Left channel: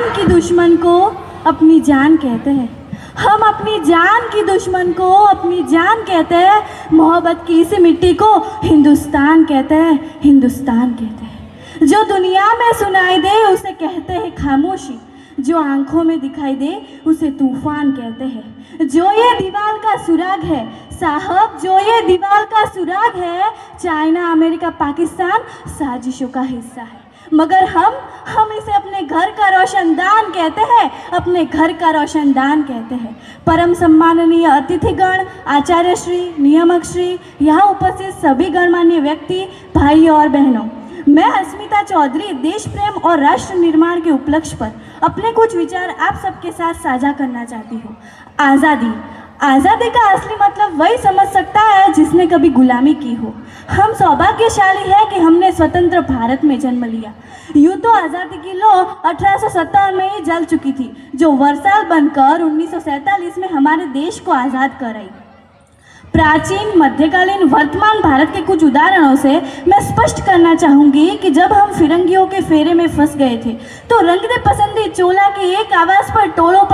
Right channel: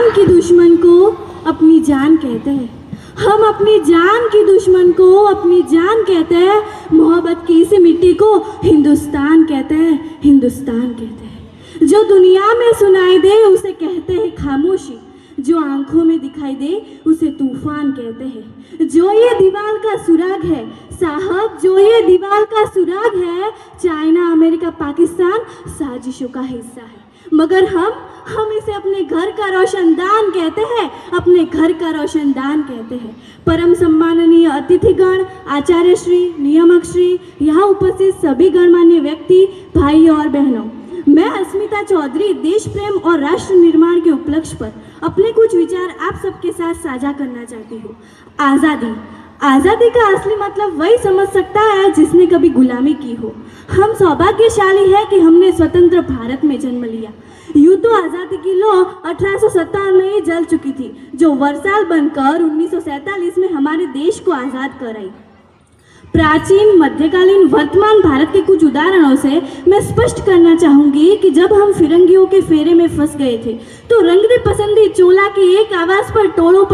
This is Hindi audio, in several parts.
जान की दुश्मन को अपनी जान कहते हैं, हम अपनी जान की दुश्मन को अपनी जान कहते हैं। मोहब्बत की इस मिट्टी को हिंदुस्तान कहते हैं, हिंदुस्तान कहते हैं। जो दुनिया में सुनाई दे उसे कहते हैं खामोशी, जो आंखों में दिखाई दे उसे तूफान कहते हैं। जो ये दीवार का सुराग है साहब, जो ये दीवार का सुराग है, चाइना अमेरिका पाकिस्तान साजिशों का हिस्सा है, मगर हम इसे अपने घर का रोशनदान कहते हैं, अपने घर का रोशनदान कहते हैं। परम सम्माननीय अतिथिगण, आचार्य श्री, नियामक श्री, यहाँ उपस्थित सभी गणमान्य व्यक्ति, भाइयों और बहनों, मैं अस्मिता चौधरी देश प्रेम और राष्ट्र निर्माण के उपलक्ष्य पर अपने कुछ विचार आप सबके साथ साझा करना चाहती हूँ। आज़ादी, आज़ादी का असली मतलब वही समझ सकता है जिसने कभी गुलामी की हो। हम सौभाग्यशाली है कि हमने स्वतंत्र भारत में जन्म लिया। यूँ तो आज़ादी की लौ 1857 में ही जल चुकी थी, जो वर्षाल बनकर 1947 में हमारे देश को आज़ाद कराई। प्राचीन, मध्यकालीन, वर्तमान भारत के कुछ उदाहरणों से मैं स्पष्ट करना चाहूँगी कि जब हम फिरंगियों के फेरे में फंस गए थे तो रंग दे पसंदी चोला की एक आवाज़ पर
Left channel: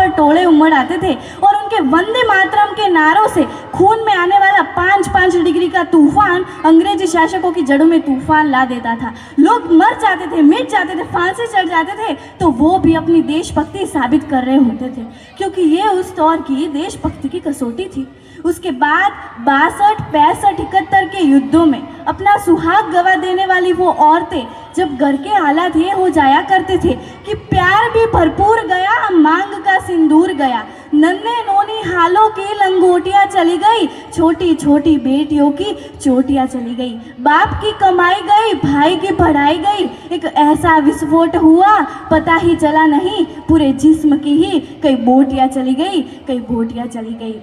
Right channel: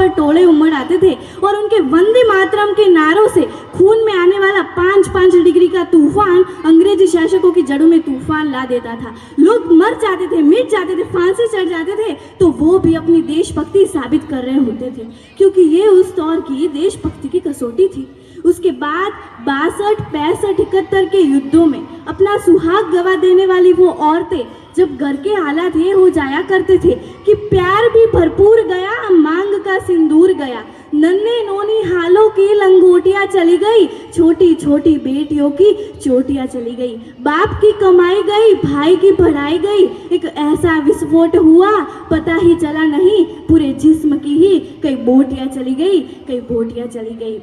टोले उमड़ आते थे और उनके वंदे मातरम के नारों से खून में आने वाला 5-5 डिग्री का तूफान अंग्रेजी शासकों की जड़ों में तूफान ला देता था। लोग मर जाते थे, मिट जाते थे, फांसी चढ़ जाते थे, तो वो भी अपनी देशभक्ति साबित कर रहे होते थे, क्योंकि ये उस दौर की देशभक्ति की कसौटी थी। उसके बाद 62, 65, 71 के युद्धों में अपना सुहाग गवा देने वाली वो औरतें जब घर के हालात ये हो जाया करते थे कि प्यार भी भरपूर गया, मांग का सिंदूर गया, नन्हे नोनी हालों की लंगोटियां चली गई, छोटी छोटी बेटियों की चोटियां चली गई, बाप की कमाई गई, भाई की पढ़ाई गई, एक ऐसा विस्फोट हुआ पता ही चला नहीं, पूरे जिस्म की ही कई बोटियां चली गई, कई बोटियां चली गई।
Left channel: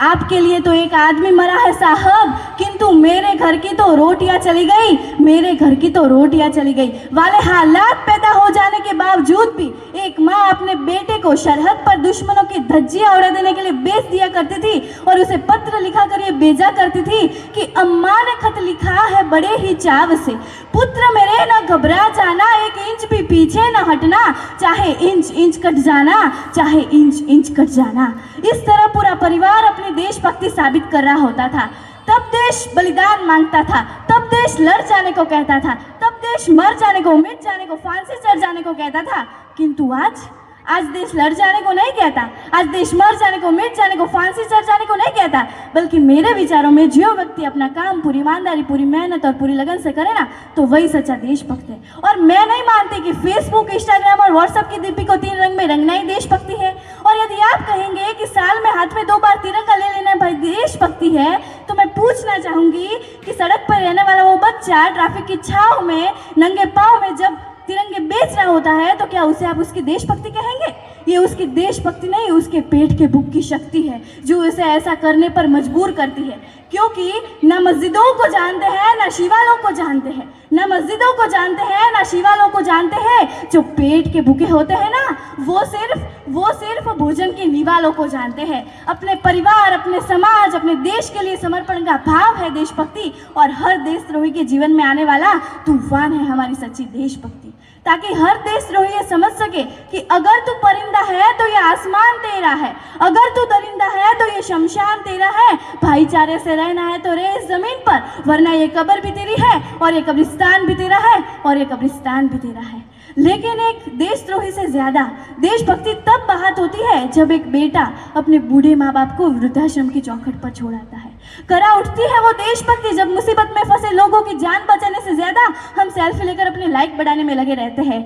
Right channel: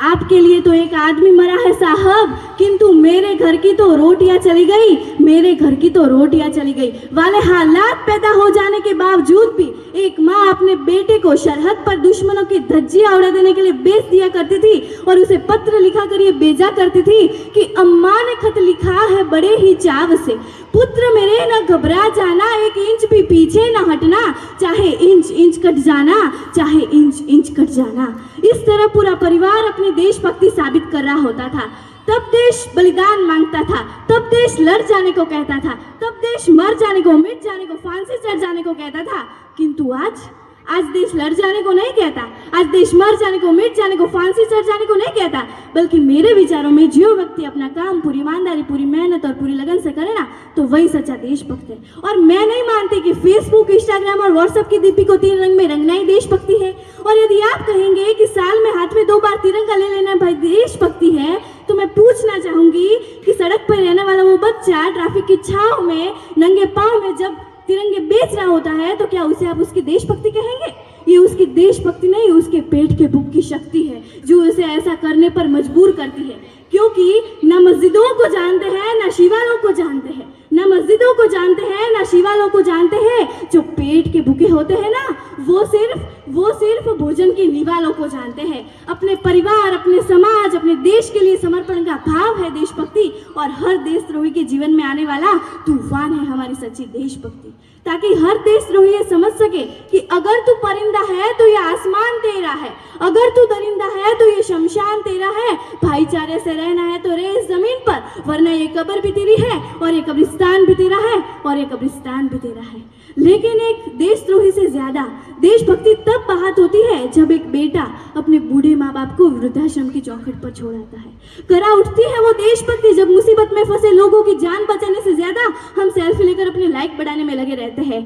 आपके लिए तो एक आदमी मरा है साहब, किंतु मेरे घर की तो रोटियां चली गई, मेरे घर की तो रोटियां चली गई वाले हालात पैदा हो जाने के बावजूद भी एक माँ अपने बेटे को सरहद पर दुश्मनों की धज्जियां उड़ा देने के लिए बेच दिया करती थी और उसे पत्र लिखा कर ये भेजा करती थी कि अम्मा ने खत लिखा है बड़े ही चाव से, पुत्र मेरे न घबरा जाना, 1 इंच भी पीछे न हटना, चाहे इंच इंच कट जाना, चाहे इंच इंच कट जाना। इस तरह पूरा परिवार अपनी देशभक्ति साबित कर रहा होता था। तब देश बलिदान मांगता था, तब देश लड़ जाने को कहता था, तब देश मर जाने को, मिट जाने को, फांसी चढ़ जाने को कहता था, किंतु आज देश लड़ जाने को नहीं कहता, आज देश मर जाने को, मिट जाने को, फांसी चढ़ जाने को नहीं कहता, बल्कि मेरे विचारों में जो व्यक्ति अपना काम पूरी ईमानदारी, पूरी मेहनत और पूरी लगन से करे ना, तो वही सच्चा देशभक्त है। और मैं नहीं मानती कि फेसबुक, इंस्टाग्राम और व्हाट्सएप की दीपी को 3 रंग में रंगना ही देशभक्ति है। और यदि आप कहेंगे कि साल में हाथ में 2 बार तिरंगा ले लेना भाई देशभक्ति है, तो मैं पूछना चाहूंगी कि सड़क पर रहने वाला वो बच्चा ट्रैफिक की छांव में नंगे पांव में जब तिरंगे बेच रहा होता है, तो क्या उसे आप उसकी देशभक्ति कहेंगे? ये उसकी देशभक्ति नहीं, उसके पेट के भूख की शक्ति है जो उसे ऐसा करने पर मजबूर करती है, क्योंकि न मस्जिदों को जानते हैं, न शिवालयों को जानते हैं, न मस्जिदों को जानते हैं, न शिवालयों को जानते हैं। जो पेट के भूखे होते हैं ना, वो सिर्फ भोजन के निवालों को जानते हैं। अपने परिवार, अपने समाज, अपने देश के लिए समर्पण का भाव है देशभक्ति, और हर देशद्रोही के जीवन में आने वाला तूफान है हमारी सच्ची देशभक्ति, ताकि हर देशद्रोही ये समझ सके कि अगर तू परिंदा है तो ये आसमान तेरा है, अगर तू दरिंदा है तो ये शमशान तेरा है, भाईचारे से रहना है तो रह इस जमीन पर, वरना ये कब्र भी तेरी है और ये कब्रिस्तान भी तेरा है और ये कब्रिस्तान भी तेरा है। लेकिन एक देशद्रोही से ज्यादा देशभक्ति तब बात होती है जब एक बेटा अपने बूढ़े माँ बाप को वृद्धाश्रम की चौखट पर छोड़ आता है। करा उठती है वो देशभक्ति जब मुसीबत में फंसे लोगों की जान बचाने से ज्यादा हम सेल्फी लेकर अपने लाइक बढ़ाने में लगे रहते हैं।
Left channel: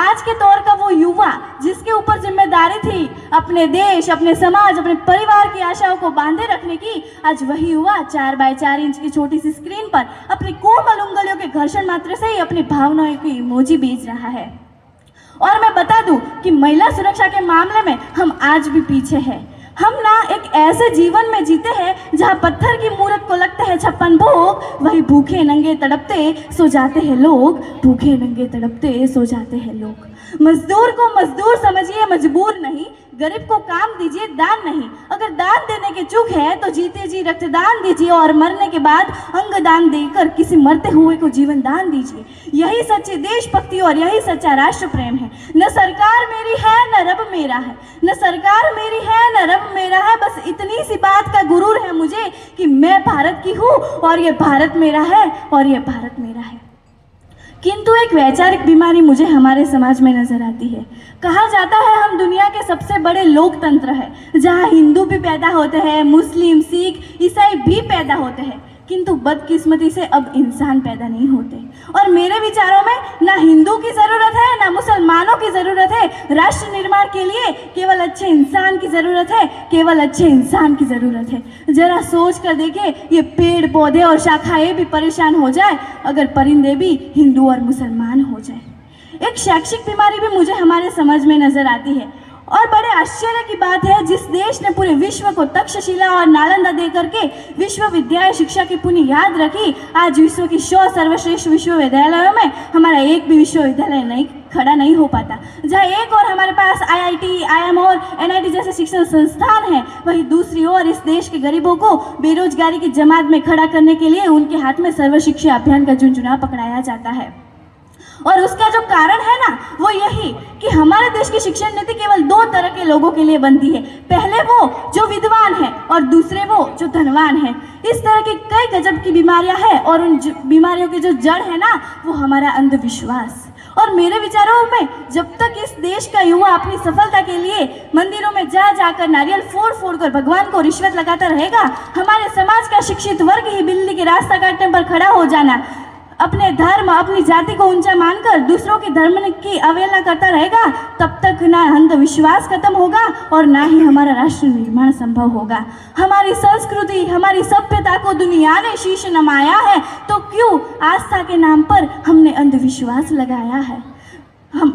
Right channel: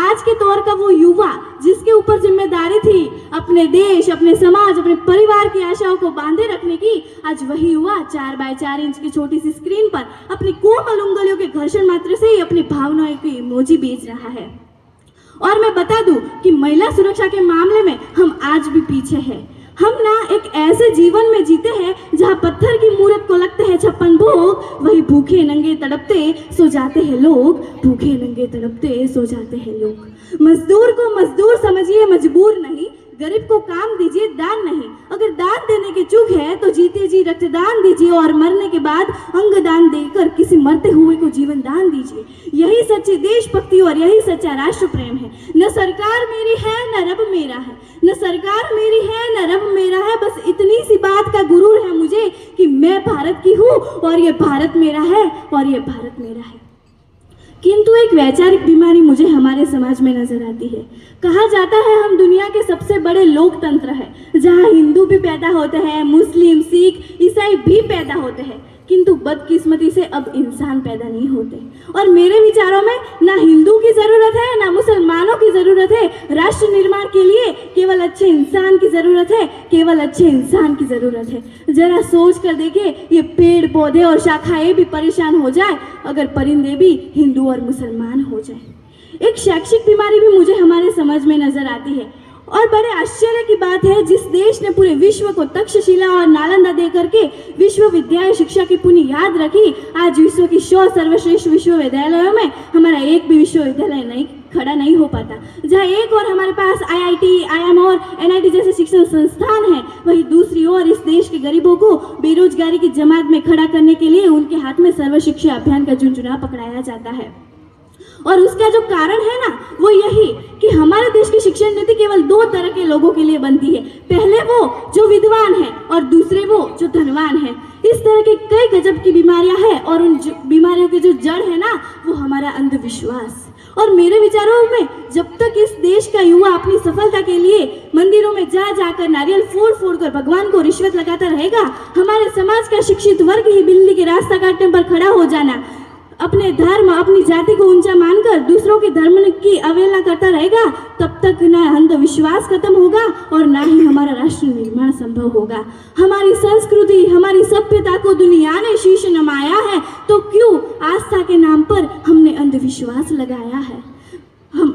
आज के दौर का वो युवा जिसके ऊपर जिम्मेदारी थी अपने देश, अपने समाज, अपने परिवार की आशाओं को बांधे रखने की, आज वही युवा 4x4 इंच की छोटी सी स्क्रीन पर अपनी कोमल उंगलियों के घर्षण मात्र से ही अपनी भावनाओं की इमोजी भेज रहा है। और मैं बता दूं कि महिला सुरक्षा के मामले में हम आज भी पीछे हैं। हम ना एक ऐसे जीवन में जीते हैं जहां पत्थर की मूरत को लगता है 56 भोग, वही भूखे नंगे तड़पते सो जाते हैं लोग, भूखे नंगे तड़पते सो जाते हैं लोग। मजदूर को मजदूर समझिए, मजबूर नहीं। गरीब को काम दीजिए, दान नहीं। अगर दान देने के चूक है तो जीते जी रक्तदान दीजिए और मरने के बाद अंग दान देकर किसी मरते हुए को जीवन दान दीजिए। यही सच्ची देशभक्ति और यही सच्चा राष्ट्र प्रेम है। न सरकार मेरी है न रब मेरा है, न सरकार मेरी है न रब मेरा है, बस इतनी सी बात का गुरूर है मुझे कि मैं भारत की हूँ और ये भारत मेरा है और ये भारत मेरा है। किंतु एक वैचारिक बीमारी मुझे हमारे समाज में नजर आती है। कहा जाता है हम दुनिया के सबसे बड़े लोकतंत्र है, जहाँ हिंदू भी पैदा होते हैं, मुस्लिम, सिख, ईसाई भी पैदा होते हैं, किंतु बदकिस्मती से अब इंसान पैदा नहीं होते। और मेरे विचारों में ना हिंदू की ज़रूरत है ना मुसलमानों की ज़रूरत है। राष्ट्र निर्माण के लिए केवल अच्छे इंसान की ज़रूरत है, केवल अच्छे इंसान की ज़रूरत है। जरा सोच कर देखें, ये पेड़ पौधे और शाखाएं भी परेशान हो जाए अगर परिंदे भी हिंदू और मुसलमान हो जाए। एक शैक्षिक बीमारी भी मुझे हमारे समाज में नजर आती है और बड़े आश्चर्य की बात है, जिस देश ने पूरे विश्व को तक्षशिला और नालंदा दे करके विश्वविद्यालय शिक्षा की पुनियाद रखी, आज विश्व की 100 सर्वश्रेष्ठ विश्वविद्यालयों में हमारा एक भी विश्वविद्यालय नहीं खड़ा नहीं हो पाता। जहाँ एक और हमारे पास IIT, IIM और NIT जैसे शिक्षण संस्थान हैं, वहीं दूसरी ओर इस देश के गरीबों को बेरोजगारी की जमात में खड़ा करने के लिए उनके हाथ में सर्व शिक्षा अभियान का झुंझुना पकड़ाया जाता है। और उसका जो कारण है ना, वो यही कि हमारे देश की शिक्षण नीति केवल 2 तरह के लोगों के लिए बनती है। पहले वो जो विद्वान है और दूसरे वो जो धनवान है। इस तरह की कई गजब की बीमारियां हैं और उन बीमारियों की जो जड़ है ना, वो हमारा अंधविश्वास। और मेरे विचारों में जब तक इस देश का युवा अपनी सफलता के लिए मंदिरों में जा जाकर नारियल फोड़ फोड़ कर भगवान को रिश्वत लगाता रहेगा, हमारे समाज का शिक्षित वर्ग ही बिल्ली के रास्ता काटने पर खड़ा हो जाना, अपने धर्म अपनी जाति को ऊंचा मानकर दूसरों के धर्म की अवहेलना करता रहेगा, तब तक ना अंधविश्वास खत्म होगा और ना ही हमारा राष्ट्र निर्माण संभव होगा। हमारी संस्कृति, हमारी सभ्यता को दुनिया ने शीश नमाया है, तो क्यों आस्था के नाम पर हमने अंधविश्वास लगाया है।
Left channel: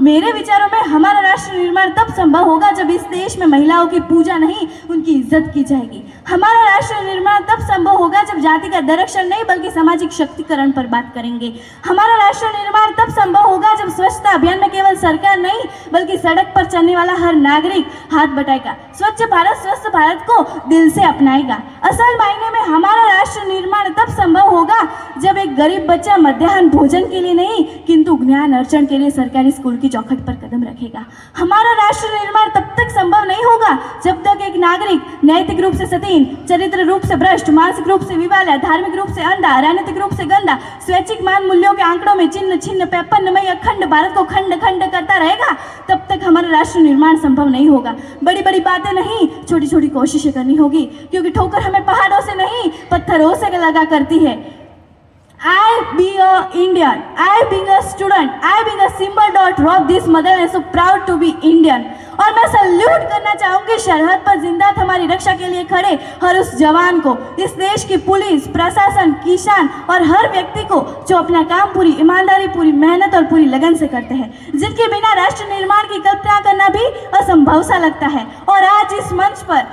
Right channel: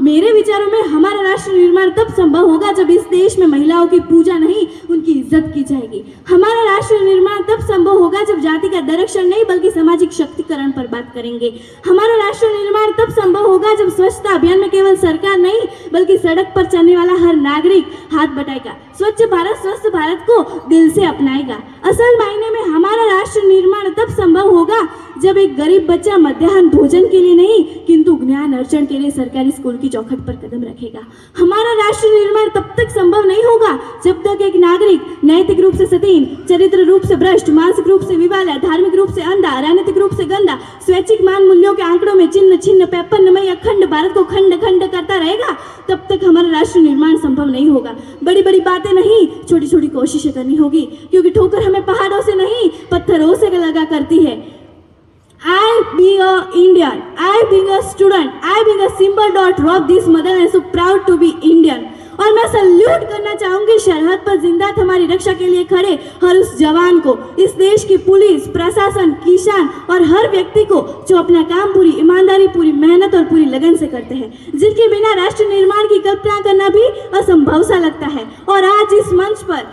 मेरे विचारों में हमारा राष्ट्र निर्माण तब संभव होगा जब इस देश में महिलाओं की पूजा नहीं, उनकी इज्जत की जाएगी। हमारा राष्ट्र निर्माण तब संभव होगा जब जाति का दरक्षण नहीं बल्कि सामाजिक शक्तिकरण पर बात करेंगे। हमारा राष्ट्र निर्माण तब संभव होगा जब स्वच्छता अभियान में केवल सरकार नहीं बल्कि सड़क पर चलने वाला हर नागरिक हाथ बटाएगा, स्वच्छ भारत स्वस्थ भारत को दिल से अपनाएगा। असल मायने में हमारा राष्ट्र निर्माण तब संभव होगा जब एक गरीब बच्चा मध्याह्न भोजन के लिए नहीं किंतु ज्ञान अर्जन के लिए सरकारी स्कूल की चौखट पर कदम रखेगा। हमारा राष्ट्र निर्माण तब तक संभव नहीं होगा जब तक एक नागरिक नैतिक रूप से सतीन, चरित्र रूप से भ्रष्ट, मानसिक रूप से विवाला, धार्मिक रूप से अंधा, राजनीतिक रूप से गंदा, स्वैच्छिक मान मूल्यों के आंकड़ों में चिन्ह छिन्न पैपन्नमय अखंड भारत को खंड खंड करता रहेगा, तब तक हमारा राष्ट्र निर्माण संभव नहीं होगा। बड़ी बड़ी बातें नहीं, छोटी छोटी कोशिशें करनी होगी, क्योंकि ठोकर हमें पहाड़ों से नहीं पत्थरों से लगा करती है। I being a Indian, I being a student, I being a simple daughter of this mother and so proud to be Indian। और मैं सल्यूट करना चाहूंगी सरहद पर जिंदा हमारी रक्षा के लिए खड़े हर उस जवान को, इस देश की पुलिस, प्रशासन, किसान और हर व्यक्ति को जो अपना काम पूरी ईमानदारी, पूरी मेहनत और पूरी लगन से करते हैं, जिनके बिना राष्ट्र निर्माण की कल्पना करना भी असंभव सा लगता है। और आज इस मंच पर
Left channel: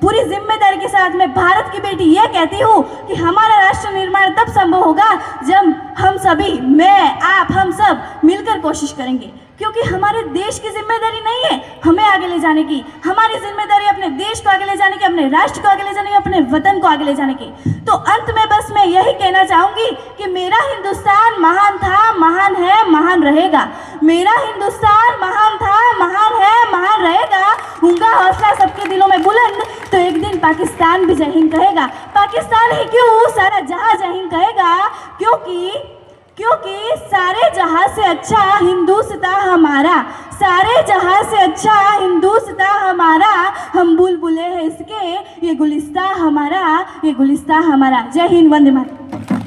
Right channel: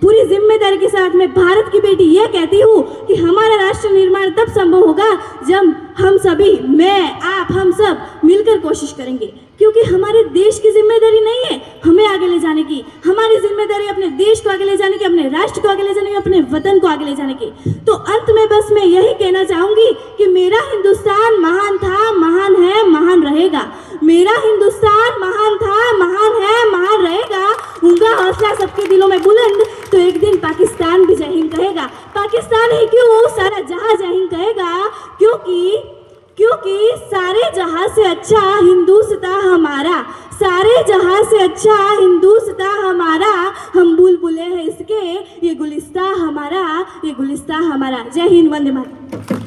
पूरी जिम्मेदारी के साथ मैं भारत की बेटी यह कहती हूँ कि हमारा राष्ट्र निर्माण तब संभव होगा जब हम सभी, मैं, आप, हम सब मिलकर कोशिश करेंगे, क्योंकि हमारे देश की जिम्मेदारी नहीं है हमें आगे ले जाने की, हमारी जिम्मेदारी अपने देश को आगे ले जाने की, अपने राष्ट्र को आगे ले जाने की, अपने वतन को आगे ले जाने की। तो अंत में बस मैं यही कहना चाहूंगी कि मेरा हिंदुस्तान महान था, महान है, महान रहेगा। मेरा हिंदुस्तान महान था, महान है, महान रहेगा। उनका हौसला सबके दिलों में बुलंद, तो एक दिन पाकिस्तान भी जय हिंद कहेगा। पाकिस्तान ही क्यों, सारा जहां जय हिंद कहेगा, क्योंकि सारे जहां से अच्छा हिंदुस्तान हमारा, सारे जहां से अच्छा हिंदुस्तान हमारा, हम बुलबुले हैं इसके, ये गुलिस्तान हमारा, ये गुलिस्तान हमारा। जय हिंद, वंदे मातरम।